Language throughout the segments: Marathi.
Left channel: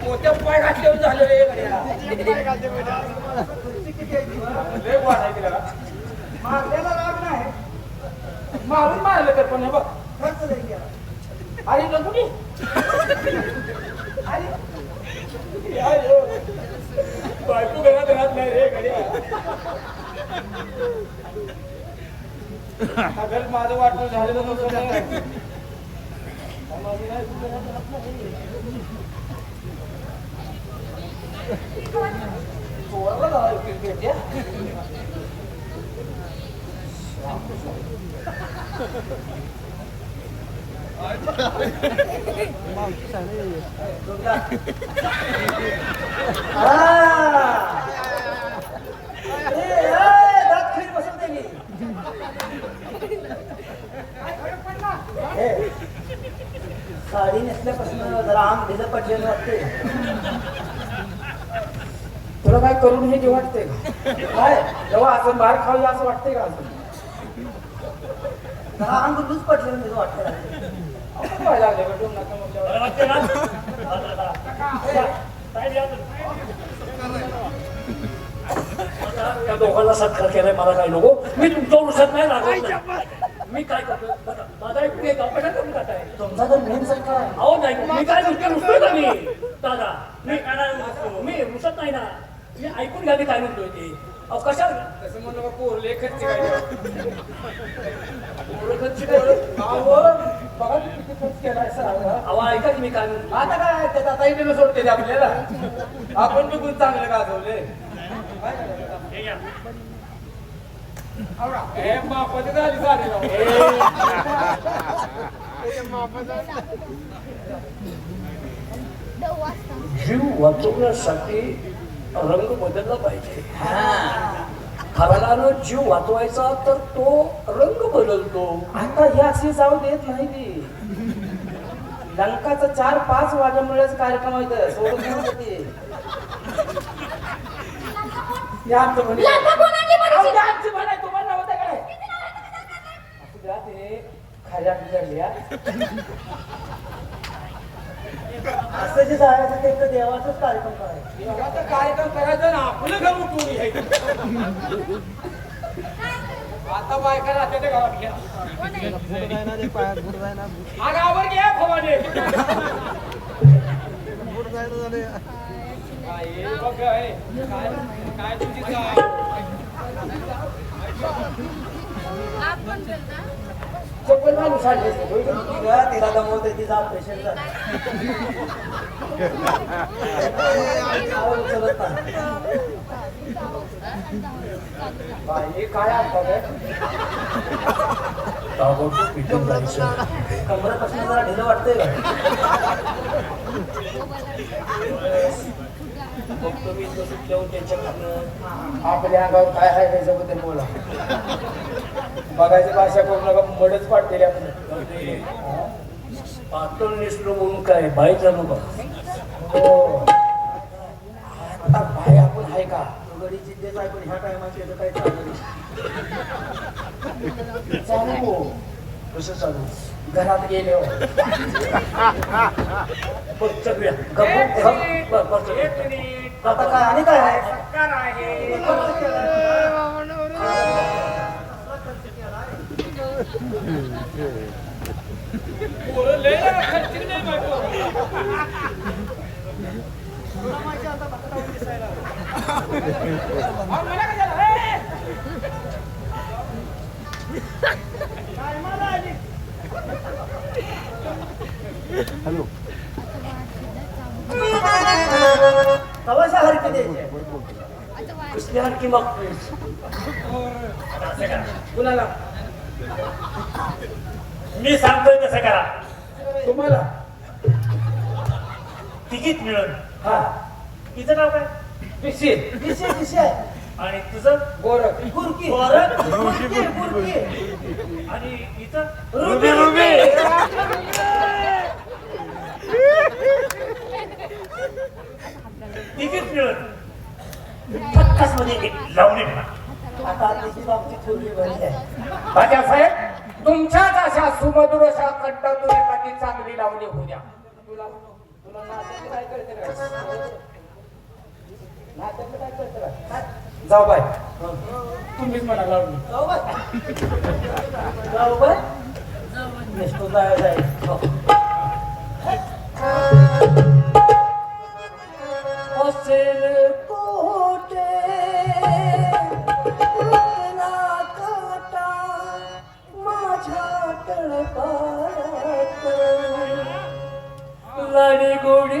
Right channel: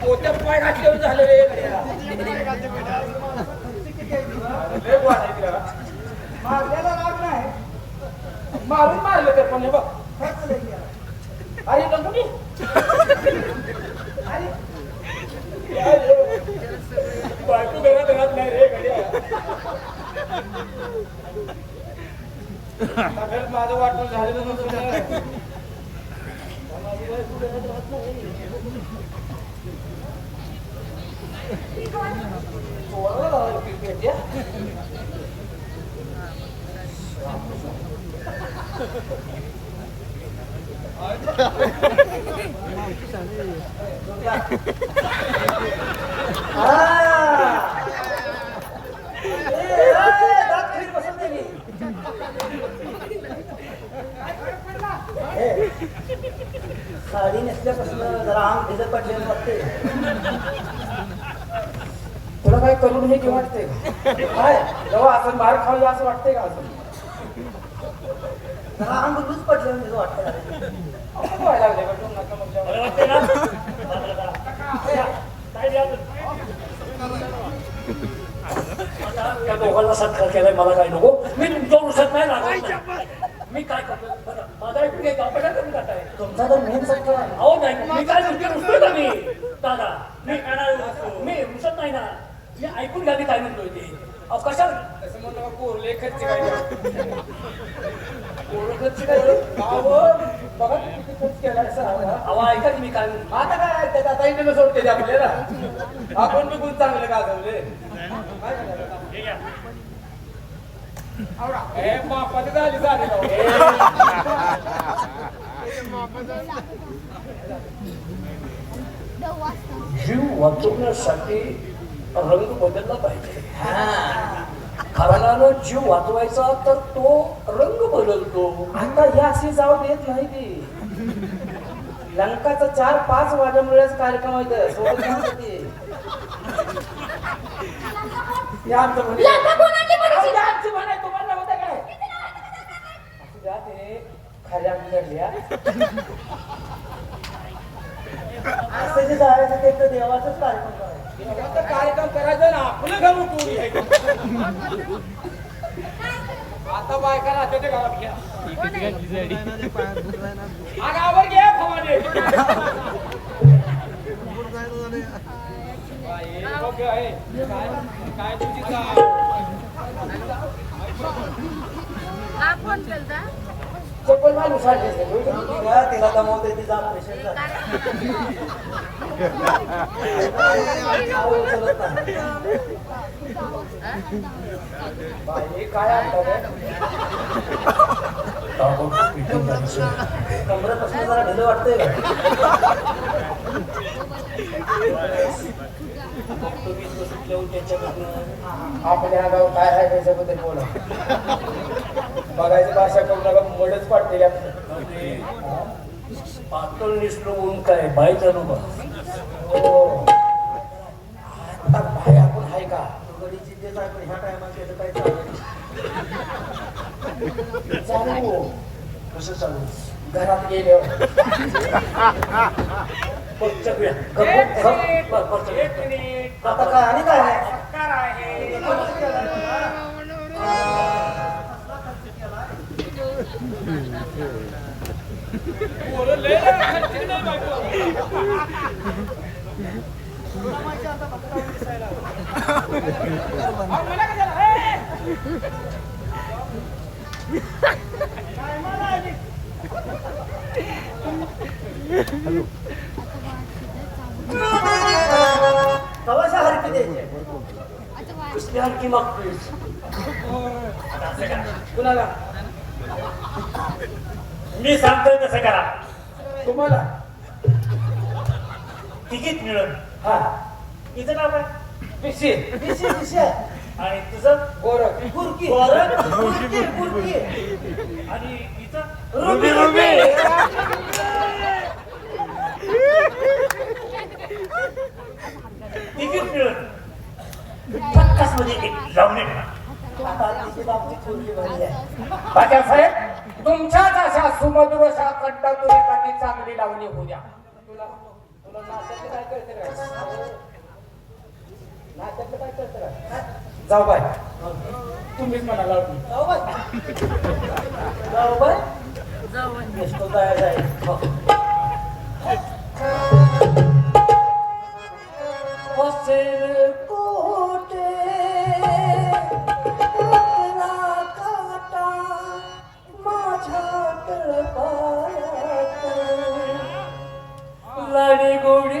पोत्या पाय घातल्यावर झालं रे. गड्या. राग नाही मारून तर पण बघ अरे बायको घरात राहत नाही रे गड्या अगर माझं झालेलं नसतं साडी नेसल्यापासून जरा आम भिजत पडलेलं वाटते तुला काय करून हे की? वाटते काय? जेव्हा असं बाहेर खाल्लं असं का असं? वाटतं असं व्हायला लागले का? दोन नाका मोठ्या- त्या दोघांना सत्कार केलाय मला काय नको. मी तुमच्या नाही राहत मी काय करतो माझा एक करून टाकाय तुमचा तर मेन सत्कार आहे. अहो नाही. मी काय तुमच्या मी दादा मी मी रुसत नाही ना. मी ऐकून घ्या मी काय म्हणतोय ते. अहो कशाला तसं म्हणू नको, पोरले खर्ची काय ते. एवढं खर्च काय गावावर बघा तू किती खर्च केलाय सर अहो ऐका की मी काय म्हणतो. आता काय? त्यात आता इकडे सोडते ते आपल्याला? आपण बी गुण चांगले गाजवले? आवडा. बापाची झाली. जीव वाचवण्यासाठी रंग बदलला पाहिजे खरानं जीव वाचवायचा तर तो रंग बदलतो आता हे असे जाऊ देत नाही ते लंकाचा चार पाच वादमुळेच कार्यक्रम आहे सोडून नव्हतं ते हे आमचं म्हणे. अहो, आमचं म्हणे, तुम्हाला नव्हतं काय? ते खाल्या बिघडल्या. असं जे जायचं ते तर देवाचाच कार्यक्रम कार्यक्रम करायचं ना आपलं घर आता बायका राहते ते गावात घ्या हा गावावर घ्या फवाने बाई, बघ आहे. काय तुमची चप्पल माणूस तिला तिला गमवते तिचा पेशंट काय आपल्या गाव काय आहे त्याच्याबद्दल बोला. बघायची भाषा करून नका मोडच पाडते आपलं ते पातळ नेसलं म्हणून काय? बाईक जाणू का हो. आता बाय आपण आहे का? तेच आहे पण ह्या टायमात त्याचं काय चालू कसं चालू? घरात गेले. आता काय? आणि काय आहे? हरकी द्यायची असं करा. कुणाला? मी सांगतोय तसं करा. तुम्हाला? तिकीट मिळत हा. तिचं नाव काय? पिशी विषय विषय. आणि तुझं? गोरख. बुरकी गोरख? आणि इथं? Ruby ruby. तिकीट मिळत पक्काच मध्ये एक लावणी म्हणा. आता तिची बाबतीत आहे? राजासाहेब तुमच्याच अशा सुमधुर अशा कंठातून एखादी चांगली लावणी होऊ द्या. तुला तुला नाचायचं काय कळतं काय नाचायचं काय कळतं काय? जाऊ बाय तुम्हीच म्हणा लावणी. जाऊ बाय जाऊ बाय नेसतो जाय गुडी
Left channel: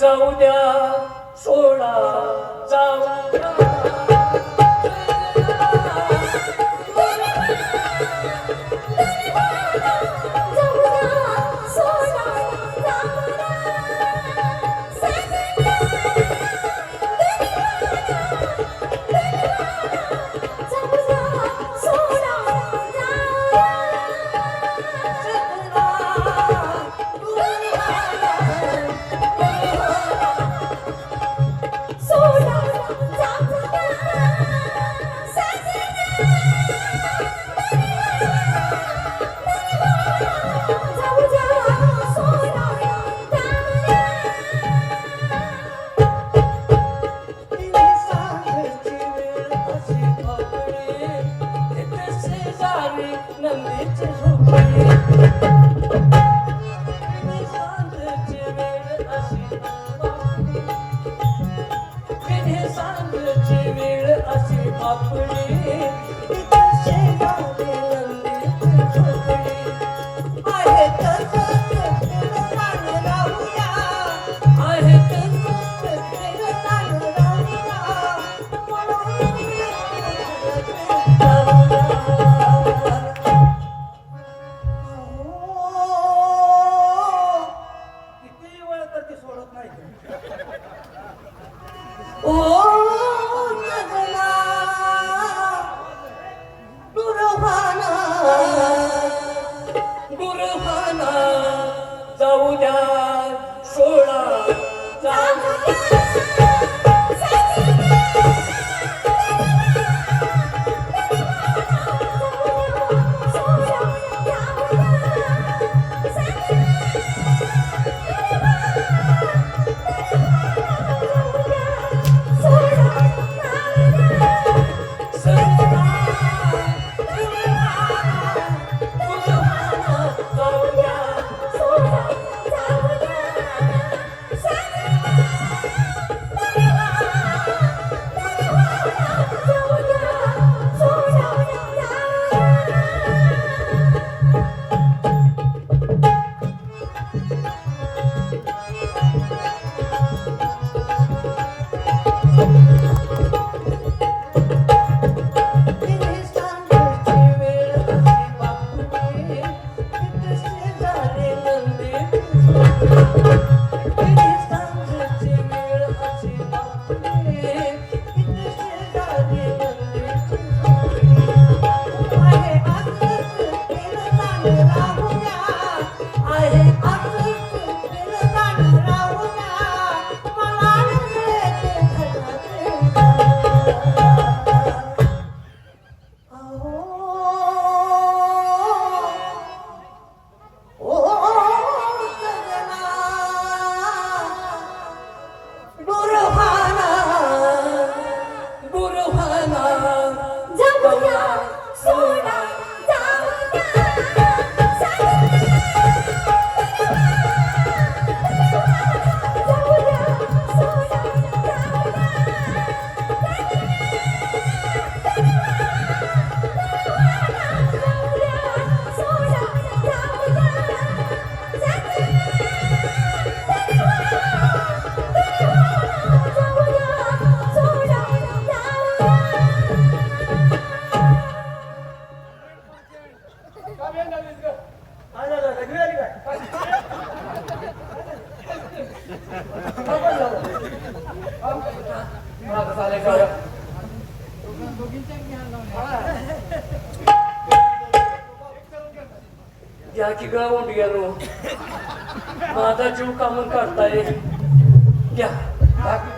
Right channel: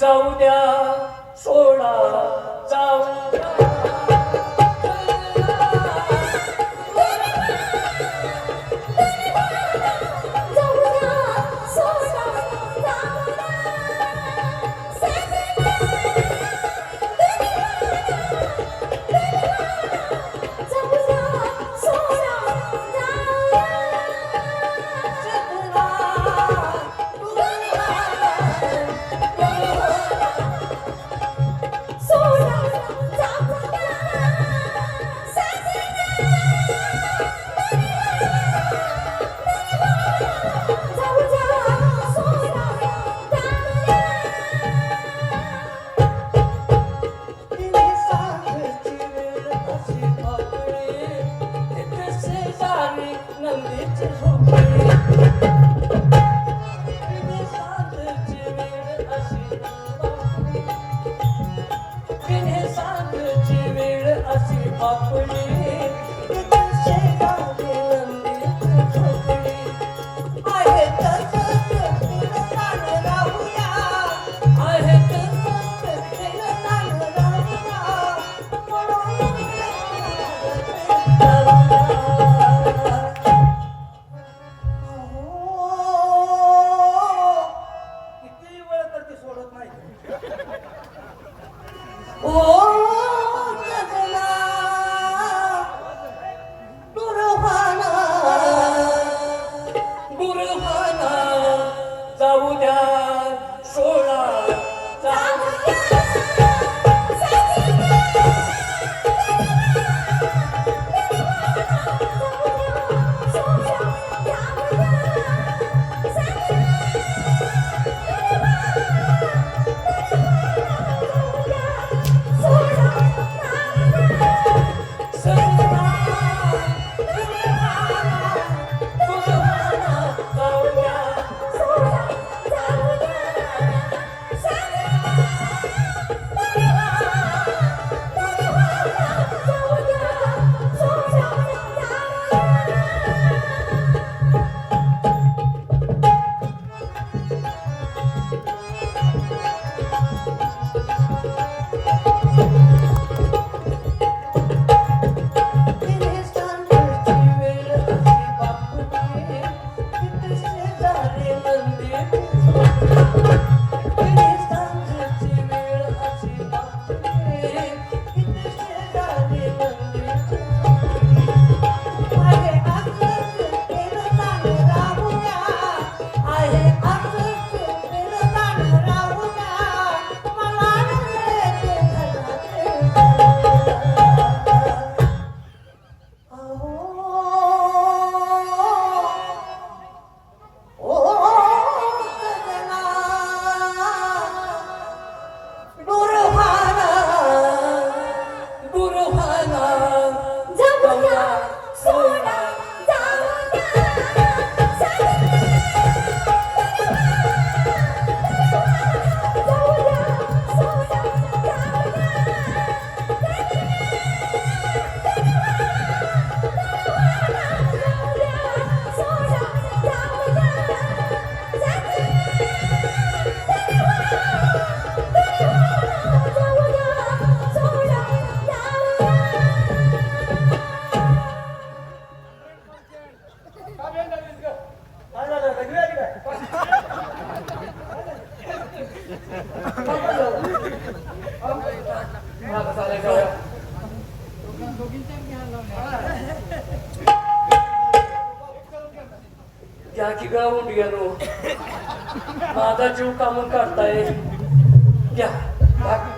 जाऊ द्या सोडा जाऊ द्या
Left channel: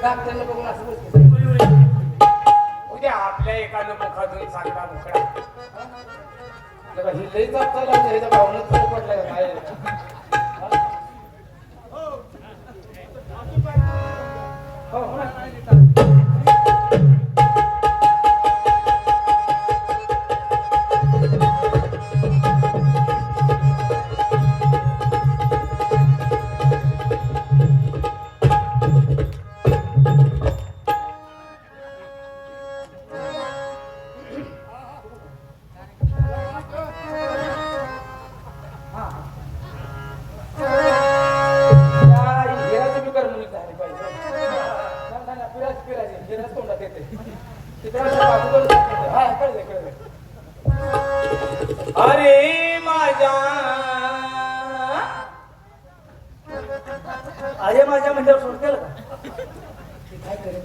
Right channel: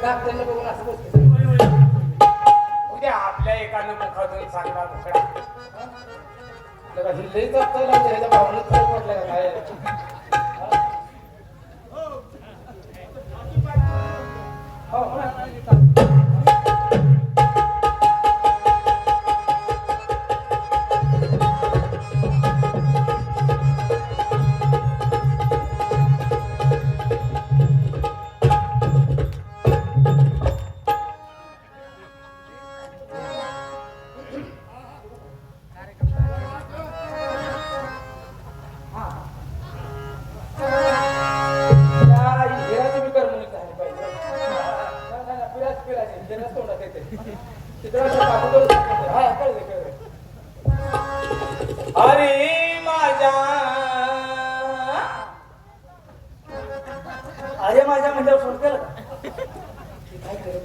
डॉक्टरने बघून असं बसतो. उद्या आपल्या एकानं मुखातून सांगा दुसरा ही लई जपता लागते ह्याच्या भावनेत फरक पडलाय काय? हो, अरे माझ्या म्हणल्यावर फोन केला का?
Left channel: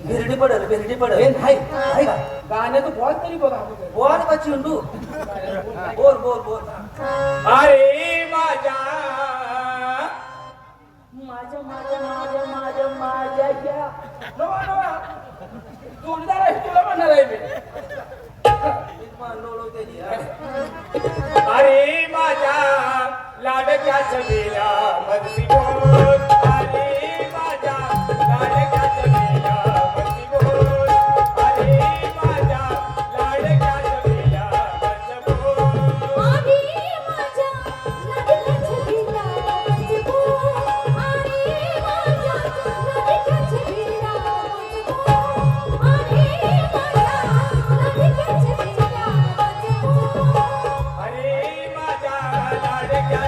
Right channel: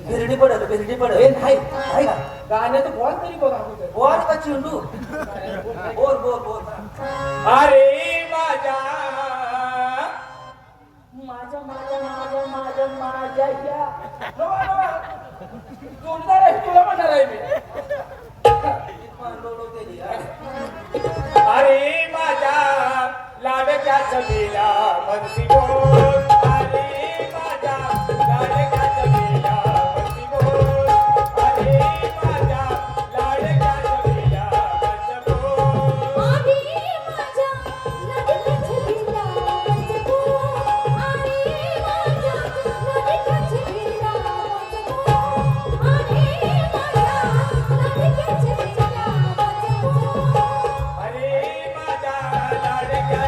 बिरडी पडल बिरडी हे पडल नाही? गाण्यात बोल तरी बघ. बोल का चिंटू? बोल बोल बोल. अरे माझ्या माझ्या माझ्या माझ्या माझ्या माझ्या. जोडीदार आहे तुला म्हणणार आहे मी. अरे माझ्या लाडक्या छबीला बंसी बोल अरे माझ्या लाडक्या बोल अरे माझ्या लाडक्या बोल आधी माझ्या आधी माझ्या आधी माझ्या अरे माझ्या लाडक्या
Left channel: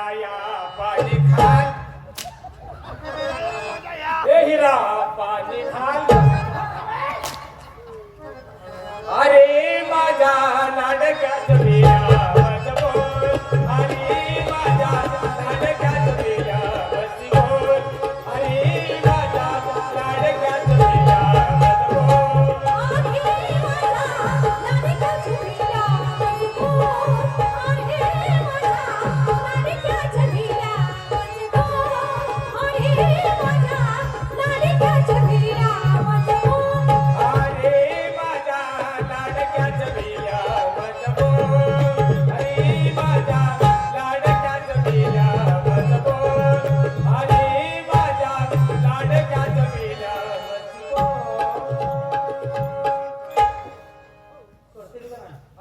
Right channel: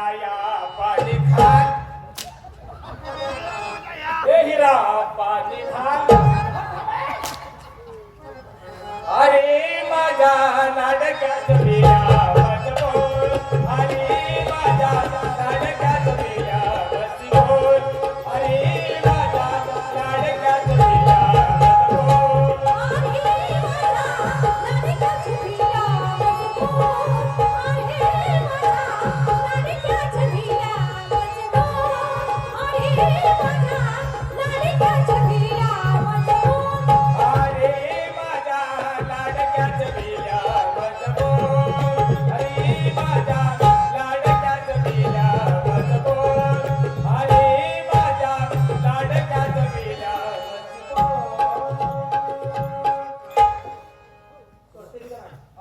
राया पाणी खा